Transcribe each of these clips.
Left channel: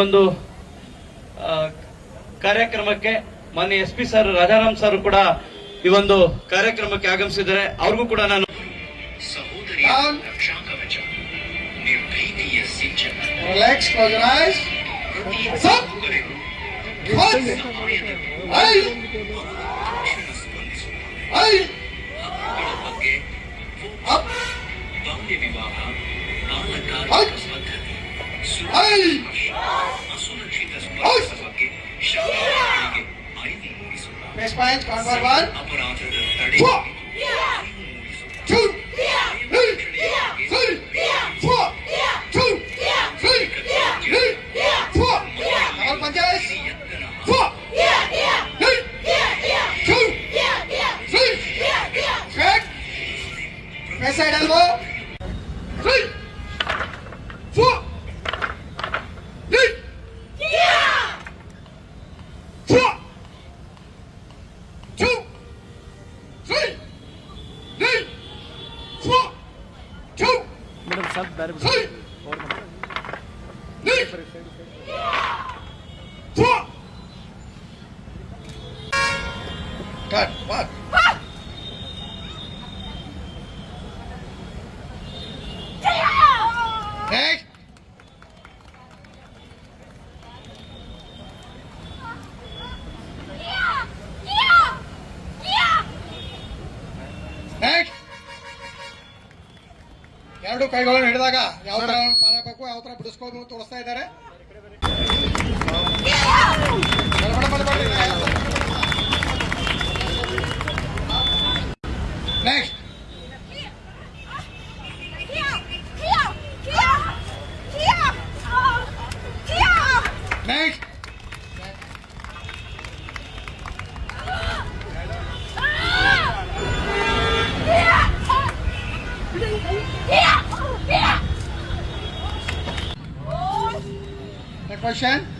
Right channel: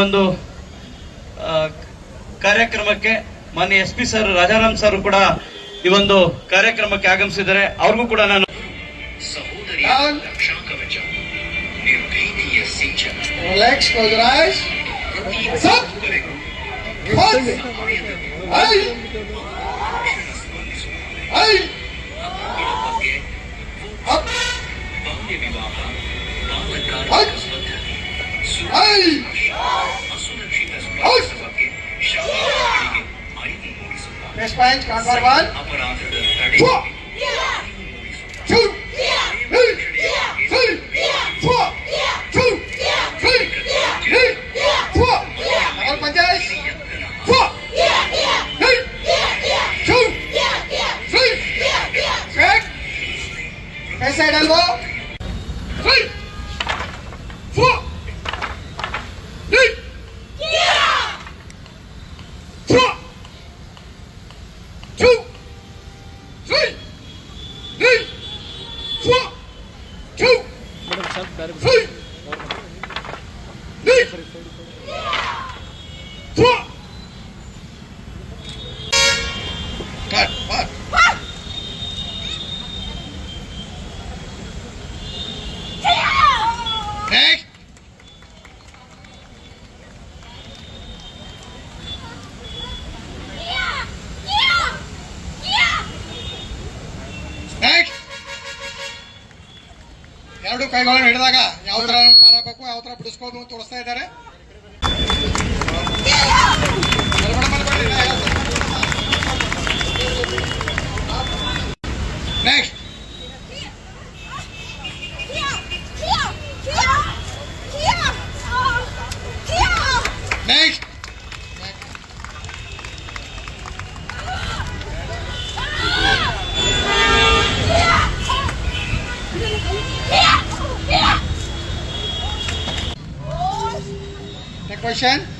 ಒಂದು ಕಾರ್ಯಕ್ರಮಕ್ಕೆ ಮಾನ್ಯ S P sir Rajaram sir ಕೂಡ ಈ ಒಂದು ಕಾರ್ಯಕ್ರಮಕ್ಕೆ ಆಗಮಿಸಿದರೆ ಅವ್ರಿಗೂ ಕೂಡ ನಾನು ಬಾಲ್ಯ ವಿವಾಹ Next point, card for one. Two. Two. 切。ಎರಡು ಕೈಗಳನ್ನು ಹಿಡಿದಾಗ ಯಾವ ತರ ಪಾರಾಗಬೇಕು ಯಾವ ತರ ಬಿಡಿಸ್ಕೋಬೇಕು ತೋರಿಸ್ತಾ ಇದ್ದಾರೆ. Next question.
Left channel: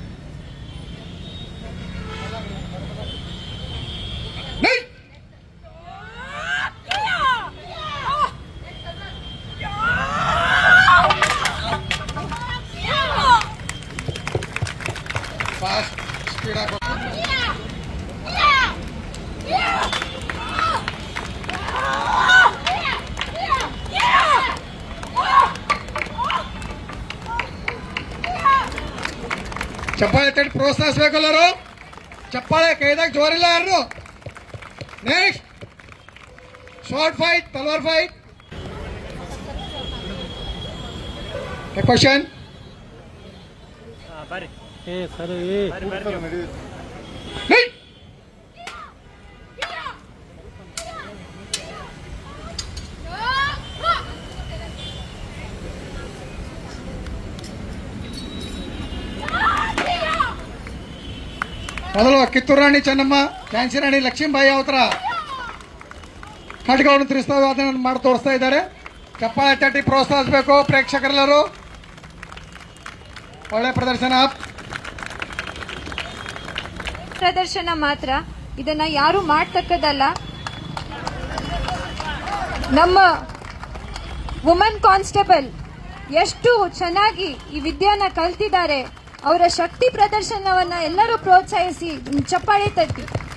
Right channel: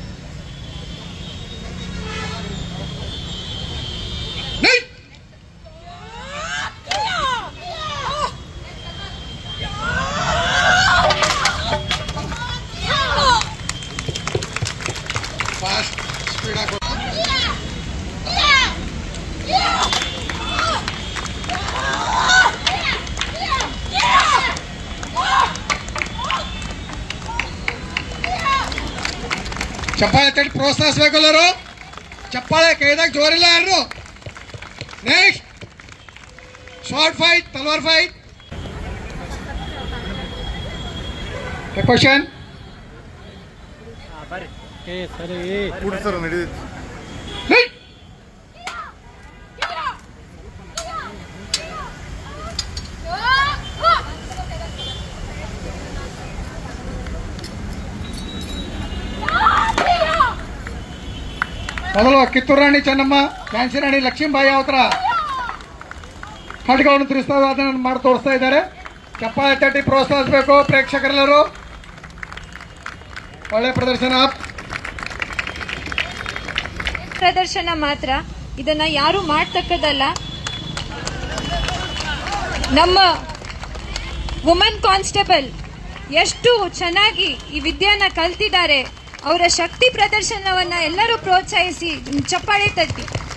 ಚಪ್ಪಾಳೆ ತಟ್ಟಿ ಪ್ರೋತ್ಸಾಹಿಸ್ಬೇಕು ಎಲ್ಲರೂ ಚಪ್ಪಾಳೆ ಕೈದಾಗ ಜೋರಿಲ್ಲ ಯಾರು ನೆಕ್ಸ್ಟ್ ಶಾರ್ಟ್ ಫೈಟ್ ತಲ್ವಾರ್ ಫೈಟ್ ಕ್ವಶನ್ ಮೊದಲು ಕಿತ್ತೂರು ರಾಣಿ ಚೆನ್ನಮ್ಮ ಫ್ಯಾನ್ಸಿ ರಾಣಿ ಲಕ್ಷ್ಮೀಬಾಯಿ ಅವತ್ರ ಖಡ್ಗವನ್ನು ತಿಳಿಸ್ತಾ ಅದನ್ನು ಮಾಡಿ ತೋರಿಸ್ತಾ ಇದ್ದಾರೆ. ಚಪ್ಪಾಳೆ ತಟ್ಟಿ ಪ್ರೋತ್ಸಾಹಿಸಬೇಕು ಪ್ರೇಕ್ಷಕರೆಲ್ಲರೂ. ಒಳ್ಳೆ ಪ್ರದರ್ಶನ. ಪ್ರದರ್ಶನ ಮಾತ್ರ. ಇದನ್ನ ಯಾರು ಮಾಡ್ತಕ್ಕದಲ್ಲ ನಮ್ಮ ವುಮನ್ ಕಾನ್ಸ್ಟೇಬಲ್ ಎಷ್ಟು ಚೆನ್ನಾಗಿ ಈ ವಿದ್ಯಾನ ಕಲ್ತಿದ್ದಾರೆ. ಅವರ ಶಕ್ತಿ ಪ್ರದರ್ಶನವನ್ನ ಎಲ್ಲರೂ ಪ್ರೋತ್ಸಾಹಿಸಿ ಚಪ್ಪಾಳೆ ತಟ್ಟಿ.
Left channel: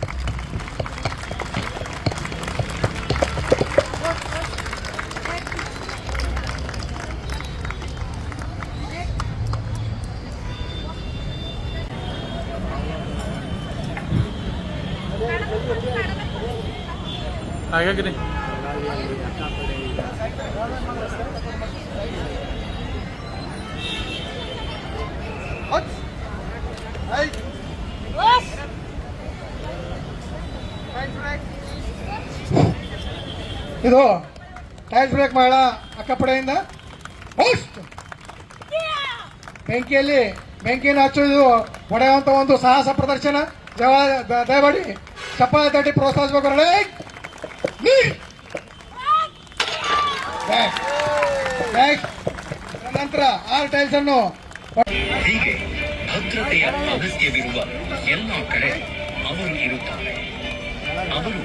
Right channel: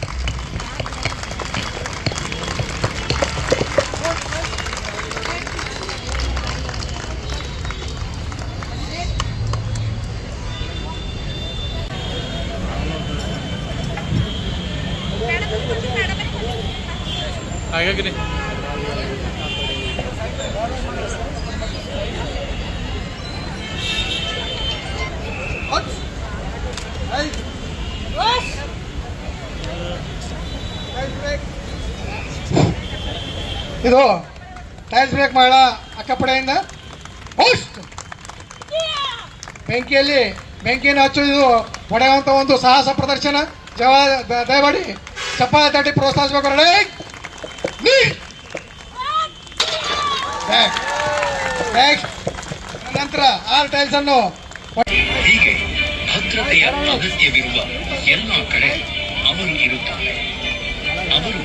ಇದು. ಟೈಲ್ಸ್ ಬ್ರೇಕ್ ಮಾಡ ಅಕ್ಕಪಡೆಯಿಂದ ಬೆಂಕಿಯಲ್ಲಿ ಬೆಂಕಿಯನ್ನು ಹಚ್ಚುವುದು ಹೊಡೆಯುವಂತ ಒಂದು ಸಾಹಸ ಪ್ರದರ್ಶನ. ಜವಾ ದಯಮಾಡಿ ಚಪ್ಪಾಳೆ ತಟ್ಟಿ ಪ್ರೋತ್ಸಾಹಿಸಬೇಕು ನಂತರ ಆರು ಟೈಲ್ಸ್ ಅನ್ನು. ಹೀಗೆ ಭದ್ರತೆಯ ಅಗತ್ಯವಿರುವ ಎಲ್ಲ ಕಡೆ ಅವರು ಇರುತ್ತಾರೆ. ಅವರು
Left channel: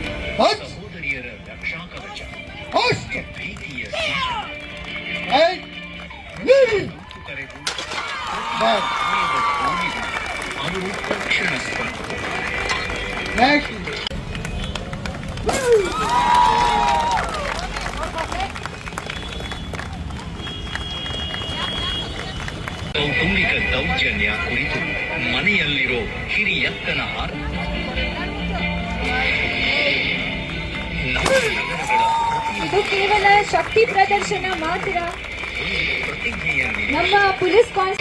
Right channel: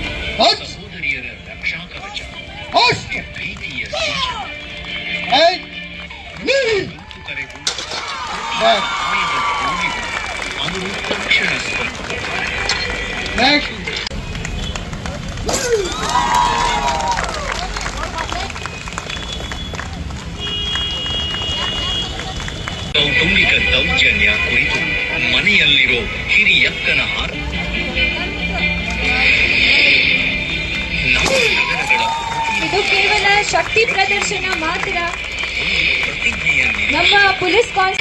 ಕೌಟುಂಬಿಕ ದೌರ್ಜನ್ಯ ಕುರಿತು ಮನೆಯಲ್ಲಿರೋ ಹಿರಿಯಕ್ಕನ ಇದು ಕೇವಲ ಶಕ್ತಿ ಪ್ರದರ್ಶನ ಮಾತ್ರ. ನಮ್ಮ ಪೊಲೀಸ್ ಕಾನ್ಸ್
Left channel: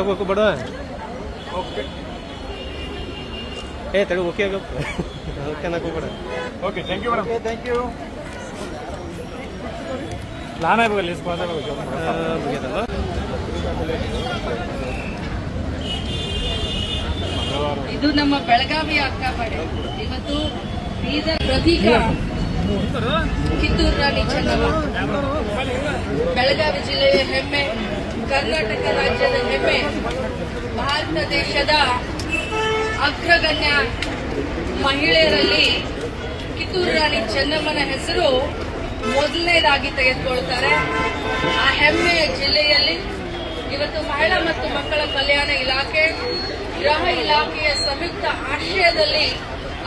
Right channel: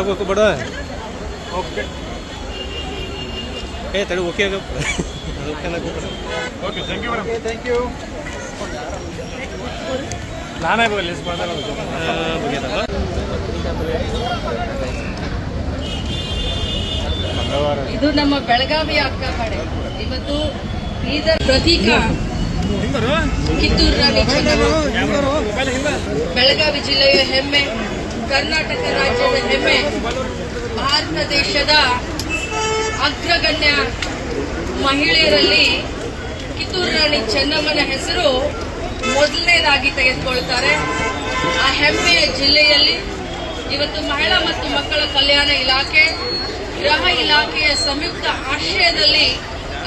ತಗೋಬೇಕು ಬಡ ಓಕೆ ಏ ತಡಿ ಓಕೆ ಓಕೆ ಬೇಡ ಥ್ಯಾಂಕ್ ಯು ಥ್ಯಾಂಕ್ ಯು ನಾನೇ ಇದು ನಮ್ಮ ಬೆಳಗಾವಿ ಅಕ್ಕ ಮಾಡಿ ಇವತ್ತು ಬೀದರ್ ಪ್ರತೀಕ. ಕಿತ್ತೂರಿನ ವೀಕ್ಷಕರು. ಬೆಳಗಾವಿ ಜಿಲ್ಲೆಯ ಹೆಮ್ಮೆ. ಕರ್ನಾಟಕ ರಾಜ್ಯದ ಹೆಮ್ಮೆ ಭಾರತ ದೇಶದ ಅಗ್ರಗಣ್ಯ ಮಹಿಳೆಯರಲ್ಲಿ ಕಿತ್ತೂರು ರಾಣಿ ಚೆನ್ನಮ್ಮನ ಹೆಸರು ಮೊದಲನೇದಾಗಿ ತೆಗೆದುಕೊಳ್ತಾರೆ. ಆ ಹೆಮ್ಮೆಯ ಜಿಲ್ಲೆಯಲ್ಲಿ ಇವತ್ತು ಮಹಿಳಾ ಮತ್ತು ಮಕ್ಕಳ ಕಲ್ಯಾಣ ಇಲಾಖೆ, ಗೃಹ ಇಲಾಖೆಯ ಸಂಯುಕ್ತ ಆಶ್ರಯದಲ್ಲಿ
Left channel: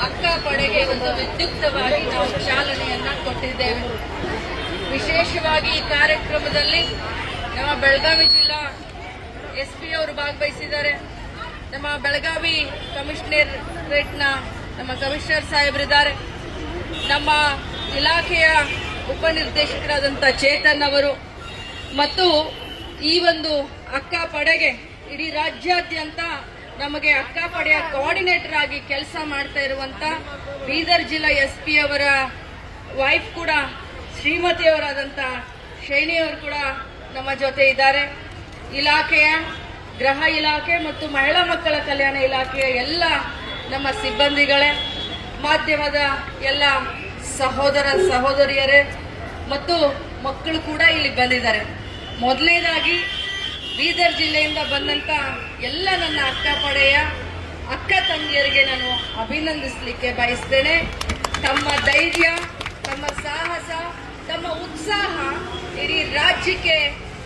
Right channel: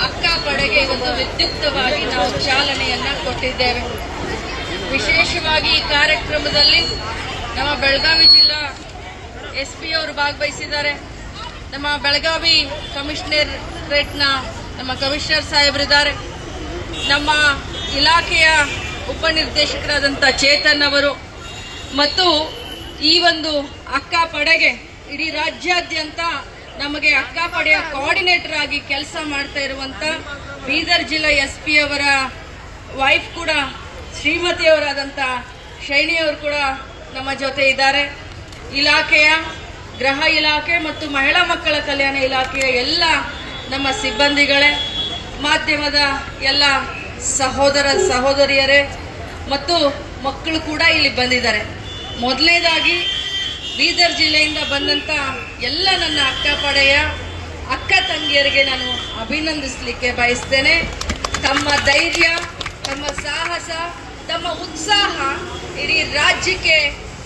ಅಕ್ಕ ಪಡೆಗೆ ಒಂದು ವಿದ್ಯುಕ್ತವಾಗಿ ನಾವು ಚಾಲನೆಯನ್ನ ಕೊಟ್ಟಿದ್ದೇವೆ. ವಿಶೇಷವಾಗಿ ಈ ಕಾರ್ಯಕ್ರಮದಲ್ಲಿ ನಮ್ಮ ಬೆಳಗಾವಿ ಜಿಲ್ಲಾ ಎಸ್ ಪಿ ಅವರು ಭಾಗವಹಿಸಿದ್ದಾರೆ. ನಮ್ಮ ಬೆಳಗಾವಿ ಕಮಿಷನರೇಟ್ನ ನಮ್ಮ ಕಮಿಷನರ್ ಸಾಹೇಬರಿದ್ದಾರೆ. ನಮ್ಮ ಇಲಾಖೆಯ ಉಪನಿರ್ದೇಶಕರಾದಂಥ ಚೇತನ್ ಅವರು ಮತ್ತು ಈ ಒಂದು ಅಕ್ಕ ಪಡೆಗೆ ಇಡೀ ರಾಜ್ಯಾದ್ಯಂತ ನಮಗೆ ಅಕ್ಕ ಪಡೆಯ ಕೋಆರ್ಡಿನೇಟರ್ ಆಗಿ ಕೆಲಸ ಮಾಡ್ತಾ ಇರುವಂಥ ಬೀದರ್ ಜಿಲ್ಲಾ ಎಸ್ ಪಿ ಅವರ ವೈಫ್ ಕೂಡ ಶ್ರೀಮತಿಯವರಾದಂಥ ಶೈನಿಯವರು ಕೂಡ ನಮ್ಮ ಜೊತೆ ಇದ್ದಾರೆ. ಇಲಾಖೆಯ ಗೃಹ ಇಲಾಖೆ ಮತ್ತು ಮಹಿಳಾ ಮಕ್ಕಳ ಕಲ್ಯಾಣ ಇಲಾಖೆಯ ಎಲ್ಲ ನಮ್ಮ ಸಿಬ್ಬಂದಿಗಳೇ, ಮಾಧ್ಯಮದ ಎಲ್ಲ ಸಹೋದರ ಸಹೋದರಿಯರೇ ಮತ್ತು ಮಕ್ಕಳು ಕೂಡ ಇಲ್ಲಿ ಬಂದಿದ್ದಾರೆ. ಮೊದಲನೇದಾಗಿ ಬೀದರ್ ಜಿಲ್ಲೆಯಿಂದ ಬಂದಂಥ ಎಲ್ಲ ನನ್ನ ಅಕ್ಕ ಪಡೆಯ ಅಕ್ಕ ತಂಗಿಯರಿಗೆ ನಾನು ಅಭಿನಂದಿಸಲಿಕ್ಕೆ ಬಯಸ್ತೇನೆ. ತಮ್ಮ ಧೈರ್ಯ, ತಮ್ಮ ಸಾಹಸ, ತಮ್ಮ ಉತ್ಸಾಹ ಇಡೀ ರಾಜ್ಯಕ್ಕೆ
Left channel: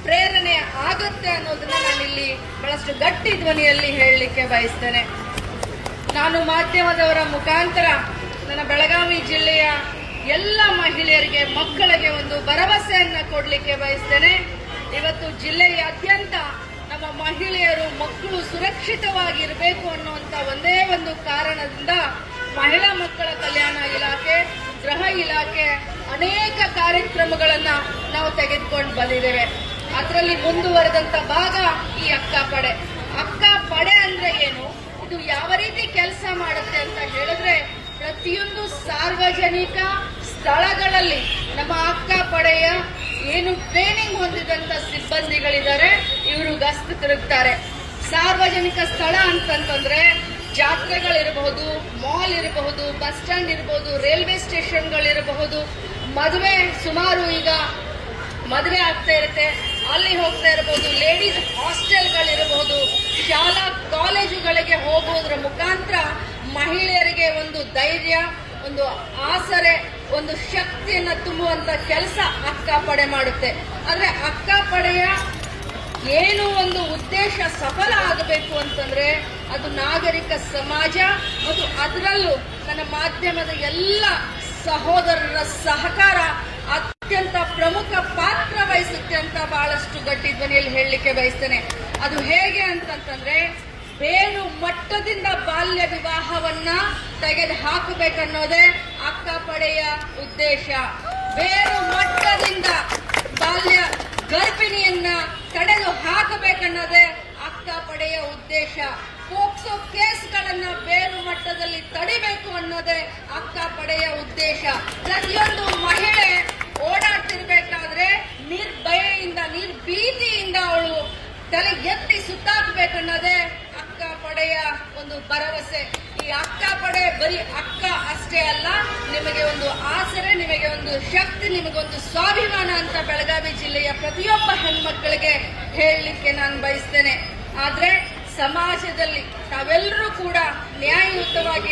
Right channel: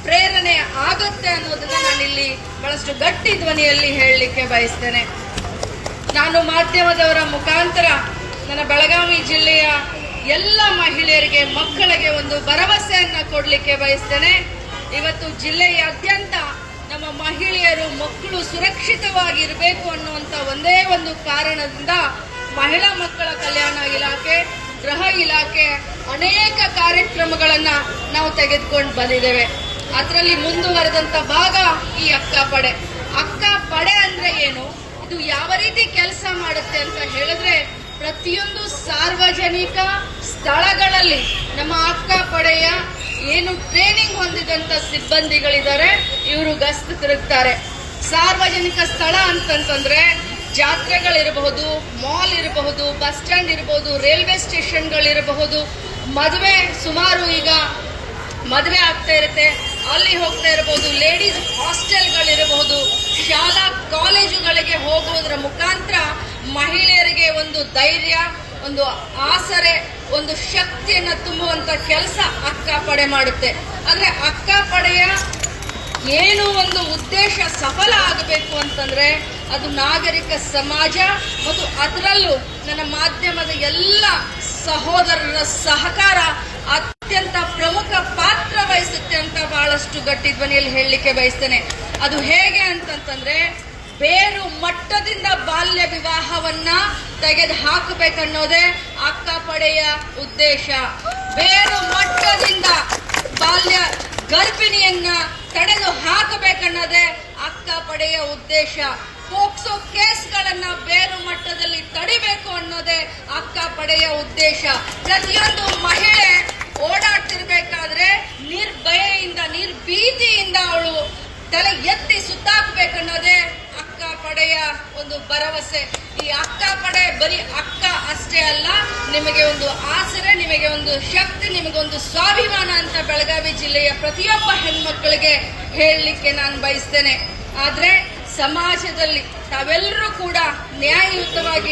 ಪ್ರೇರಣೆ ಆಗುತ್ತೆ ಅನ್ನೋದನ್ನ ನಾನಿಲ್ಲಿ ಬಹಳಷ್ಟು ಗಟ್ಟಿ ಧ್ವನಿಯಲ್ಲಿ ಹೇಳಲಿಕ್ಕೆ ಬಯಸ್ತೇನೆ. ನಾನು ಮಾಧ್ಯಮದವರ ಮುಖಾಂತರ ನನ್ನ ಬೆಳಗಾವಿ ಜಿಲ್ಲೆಯ ಎಲ್ಲ ಮಹಿಳೆಯರಿಗೆ, ಮಕ್ಕಳಿಗೆ ಒಂದು ಭರವಸೆಯನ್ನು ಕೊಡಲಿಕ್ಕೆ ಬಯಸ್ತೇನೆ. ಇವತ್ತು ಜಿಲ್ಲೆಯಾದ್ಯಂತ ನಮ್ಮ ಮಹಿಳೆಯರು, ಮಕ್ಕಳು ಸುರಕ್ಷಿತವಾಗಿರಬೇಕು ಅನ್ನುವಂಥ ಒಂದೇ ಒಂದು ಕಾರಣದಿಂದ ಮಹಿಳಾ ಮಕ್ಕಳ ಕಲ್ಯಾಣ ಇಲಾಖೆ, ಗೃಹ ಇಲಾಖೆ ಅನೇಕ ಕಾರ್ಯಕ್ರಮಗಳನ್ನು ನಾವು ತೆಗೆದುಕೊಂಡು ಬಂದಿದ್ದೇವೆ. ಅದರಲ್ಲಿ ಮುಂದುವರೆದಂತ ಭಾಗ ಈ ಅಕ್ಕ ಪಡೆ. ಅಕ್ಕ ಪಡೆ ಅಂದ್ರೆ ಏನು? ಇದು ಯಾವ ರೀತಿ ಕೆಲಸ ಮಾಡುತ್ತೆ ಅಂತ ಹೇಳಿದ್ರೆ ಪ್ರತಿಯೊಂದು ಸಾರ್ವಜನಿಕ ಸ್ಥಳಗಳಲ್ಲಿ ನಮ್ಮ ಅಕ್ಕ ಪಡೆಯ ಏನು ಟ್ರೈನಿಂಗ್ ಹೊಂದಿದಂತ ಸಿಬ್ಬಂದಿಗಳಿದ್ದಾರೆ, ಇವರು ಗಸ್ತು ತಿರುಗ್ತಾರೆ. ಸಾರ್ವಜನಿಕ ಸ್ಥಳ ಅಂತಂತಂದ್ರೆ ಜಾತ್ರೆಗಳಿರಬಹುದು ಮಾಲ್ ಇರಬಹುದು ಬಸ್ ಸ್ಟ್ಯಾಂಡ್ ಇರಬಹುದು ರೈಲ್ವೆ ಸ್ಟೇಷನ್ಗಳಿರಬಹುದು ಮದುವೆ ಸುಮಾರು ಈಗ ಮದುವೆ ಆಗ್ತಾ ಇರುತ್ತೆ. ಅಲ್ಲಿ ಹೋಗ್ತಾ ಇರಬಹುದು ಲೇಡೀಸ್ ಹಾಸ್ಟೆಲ್ಗಳಿರಬಹುದು ಶಾಲಾ ಕಾಲೇಜುಗಳಿಗೆ ಹೋಗುವುದರ ಮುಖಾಂತರ ಮಹಿಳೆಯರಿಗೆ ಒಂದು ಧೈರ್ಯ, ಒಂದು ಆಸರೆ, ಒಂದು ಶಕ್ತಿಯನ್ನು ತುಂಬುವಂತ ಕೆಲಸ ಅಕ್ಕ ಪಡೆ ಮಾಡುತ್ತೆ. ಅಂದರೆ ಅಕ್ಕ ಪಡೆಯ ಏನು ಒಂದು ಉದ್ದೇಶ ಸಫಲ ಆಗಬೇಕು ಅಂತಂದ್ರೆ ಅದು ನಾಗರಿಕ ಸಮಾಜ ಮತ್ತು ಅದರಲ್ಲೂ ನನ್ನ ಮಾಧ್ಯಮದ ಎಲ್ಲ ಸಹೋದರರ ಸಹಕಾರ ಅತ್ಯಂತ ಪ್ರಮುಖ ಪಾತ್ರ ವಹಿಸುತ್ತೆ ಅಂತ ಬಹಳಷ್ಟು ಗಟ್ಟಿ ಧ್ವನಿಯಲ್ಲಿ ಹೇಳಲಿಕ್ಕೆ ಬಯಸ್ತೇನೆ. ಅದು ಹೇಗೆ ಅಂತಂತಂದ್ರೆ, ಬೇರು ಮಟ್ಟದಿಂದ ಬಾಲ್ಯ ವಿವಾಹವನ್ನ ತೆಗೆದು ಹಾಕಬೇಕನ್ನೋದೇ ಅಕ್ಕ ಪಡೆಯ ಉದ್ದೇಶ. ಬೇರು ಮಟ್ಟದಿಂದ ಬಾಲ್ಯ ಗರ್ಭಿಣಿಯನ್ನ ತಡೆದು ಹಾಕಬೇಕನ್ನೋದೇ ಅಕ್ಕ ಪಡೆಯ ಉದ್ದೇಶ. ಪೋಕ್ಸೋ ಕೇಸ್ಗಳನ್ನ ಬೇರು ಮಟ್ಟದಲ್ಲಿ ತಡಿಬೇಕು ಅನ್ನೋದೇ ಅಕ್ಕ ಪಡೆಯ ಉದ್ದೇಶ. ಪ್ರತಿಯೊಂದು ಮಹಿಳೆ ಸುತ್ತಾಕ್ಬೇಕನ್ನೋದೇ ಅಕ್ಕ ಪಡೆಯ ಒಂದು ಭರವಸೆ. ಈ ಅಕ್ಕ ಪಡೆ ಬರೀ ಅಕ್ಕ ಅಷ್ಟೇ ಅಲ್ಲ, ನಿಮಗೆ ಒಂದು ಆಸರೆ, ನಿಮಗೆ ಒಂದು ಶಕ್ತಿ ನಿಮಗೊಂದು ಸ್ವಾಭಿಮಾನ ಅಂತ ಬೆಳಗಾವಿ ಜಿಲ್ಲೆಯ ಪ್ರತಿಯೊಬ್ಬ ಹೆಣ್ಮಕ್ಳಿಗೆ ಹೇಳಲಿಕ್ಕೆ ನಾನು ಬಯಸ್ತೇನೆ. ಆದರೆ ಸಮಾಜದಲ್ಲಿ ತಾವೆಲ್ಲರೂ ಕೂಡ ನ್ಯಾಯಯುತವಾಗಿ